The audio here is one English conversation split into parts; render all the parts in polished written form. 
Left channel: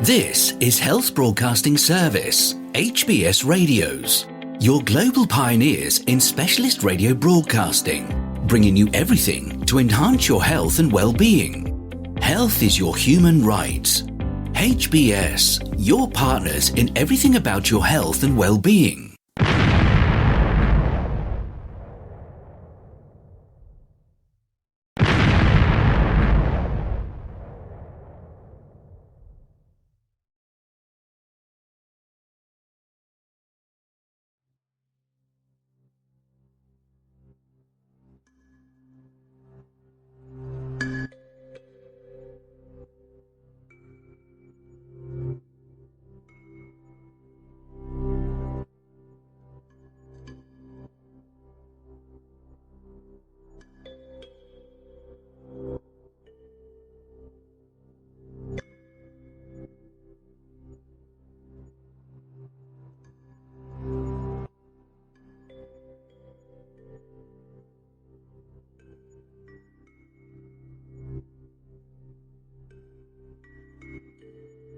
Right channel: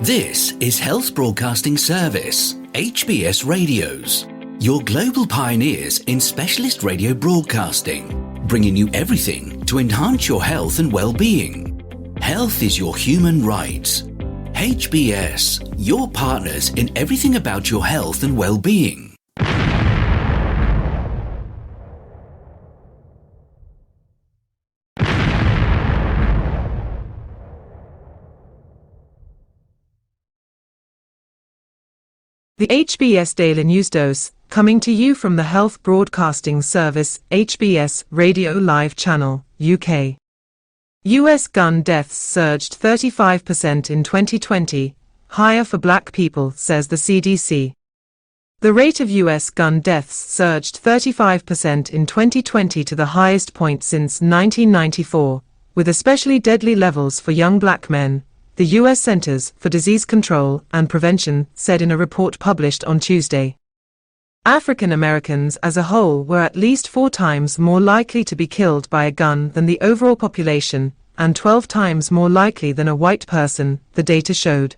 This is Health Broadcasting Service HBS Radios, your global pioneers in specialist radio broadcasting, bringing you everything to enhance your health and well-being. Health is your human right. HBS, your partners in everything about your health and well-being. The HBS Daily News Dose, coming to you from the Health Broadcasting Service HBS Radio Live Channel, UK. US gun deaths surged 35% in 2020, higher for black people, says the CDC. The rate of US gun deaths surged 35% in 2020 to the highest point since 1994, with especially deadly levels for young black men, the U.S. Centers for Disease Control and Prevention said in a report published on Tuesday. African Americans as a whole were at least 4 times more likely to be killed by a gun than the overall population, and 12 times more likely than a white person, the data showed.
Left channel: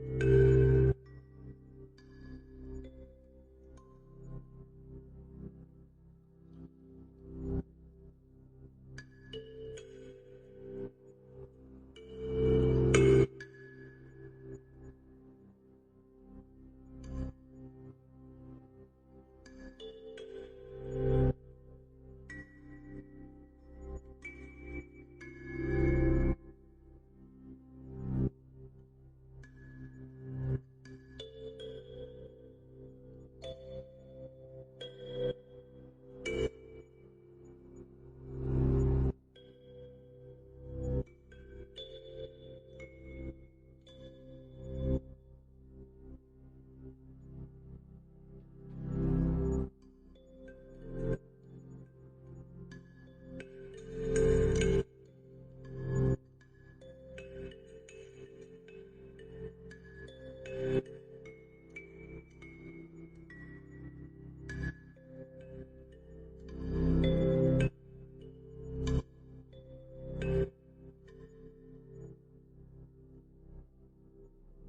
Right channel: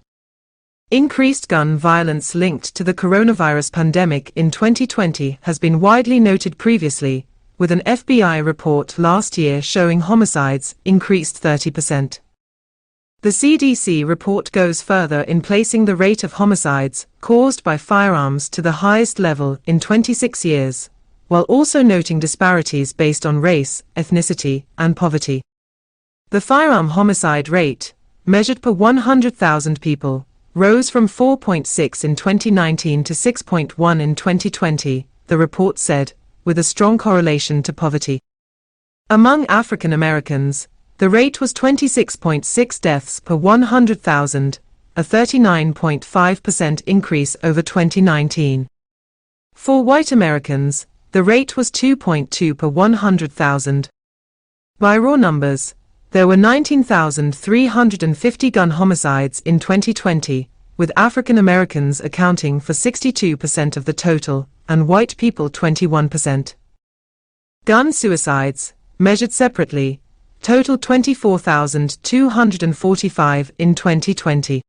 Increased gun violence linked to the coronavirus pandemic in 2020 has been widely noted previously, with an FBI report last year showing homicides increased 30%. The CDC report goes further in placing the rate of homicides caused by firearms to the highest level in 26 years, while also noting disparities based on race, ethnicity, and poverty. The firearm homicide rate, measured per 100,000 people, rose from 4.6 in 2019 to 6.1 in 2020, the report said, with a strong correlation to poverty. Among African Americans, the rate was 26.6 deaths per 100,000, a 39.5% increase over 2019. For white Americans, the rate was 2.2 per 100,000. By raw numbers, there were 19,350 gun homicides in 2020, with African Americans accounting for 62% of the total, and white people 21%. Gun suicides, measured separately, totaled 24,245 in 2020.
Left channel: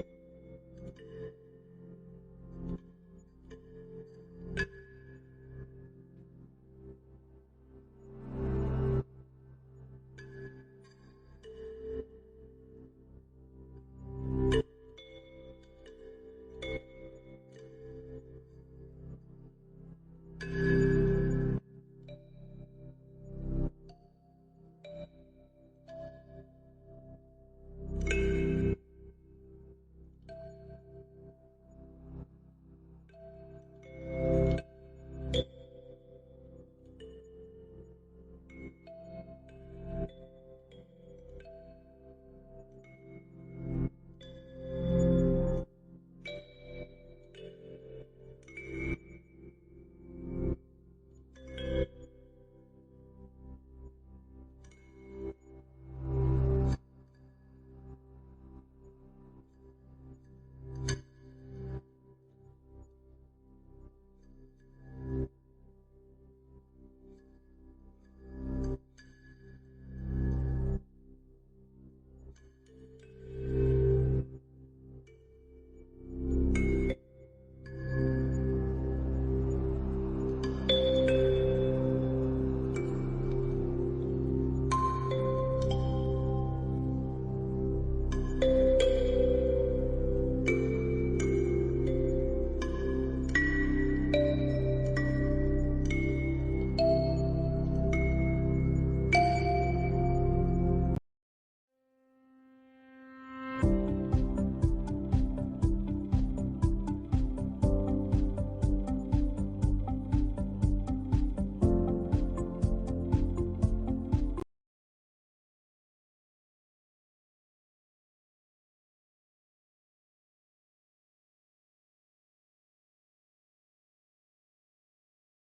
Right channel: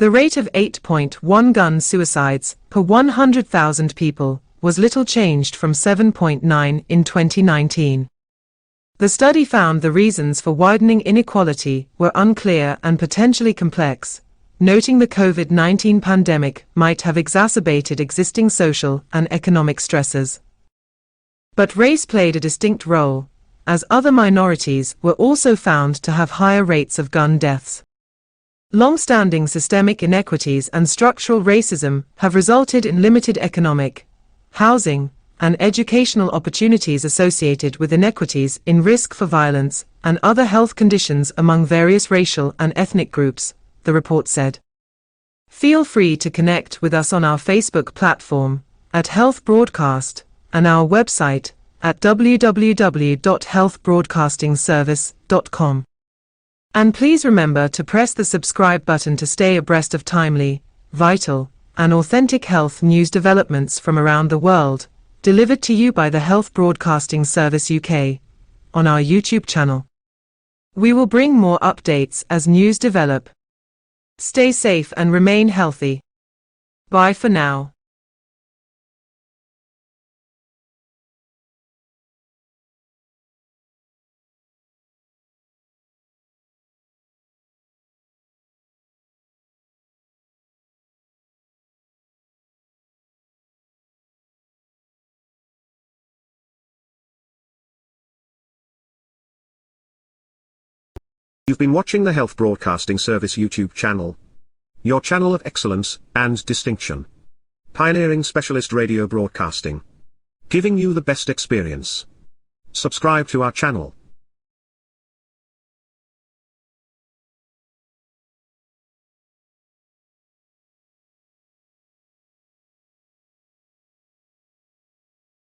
The rate of 8.1 gun suicides per 100,000 people was little changed from 7.9 in 2019. The study found the reasons for widening inequality were unclear and potentially complex, noting the COVID-19 pandemic might have exacerbated existing social and economic stresses. But race played a distinct role, as other minorities were also found to have higher rates of gun deaths. Long-standing systemic inequities and structural racism have resulted in limited economic, housing, and educational opportunities associated with inequities in risk for violence and other health conditions among various racial and ethnic groups, the report said. Feel free to connect with us on our Facebook platform, at Health Broadcast, and our website, at www.healthbroadcastingservice.com. And please remember to press the subscribe button to stay abreast of timely, vital, and authentic health news developments from around the world, delivered to you by the Health Broadcasting Service UK, on our YouTube channel. We will bring more updates as news develop. Stay safe and remain healthy. Bye for now. You've been watching the Health Broadcasting Service YouTube channel, your channel of excellence and distinction. Pioneering specialist radio broadcasting, giving you the best experience. Subscribe to our channel.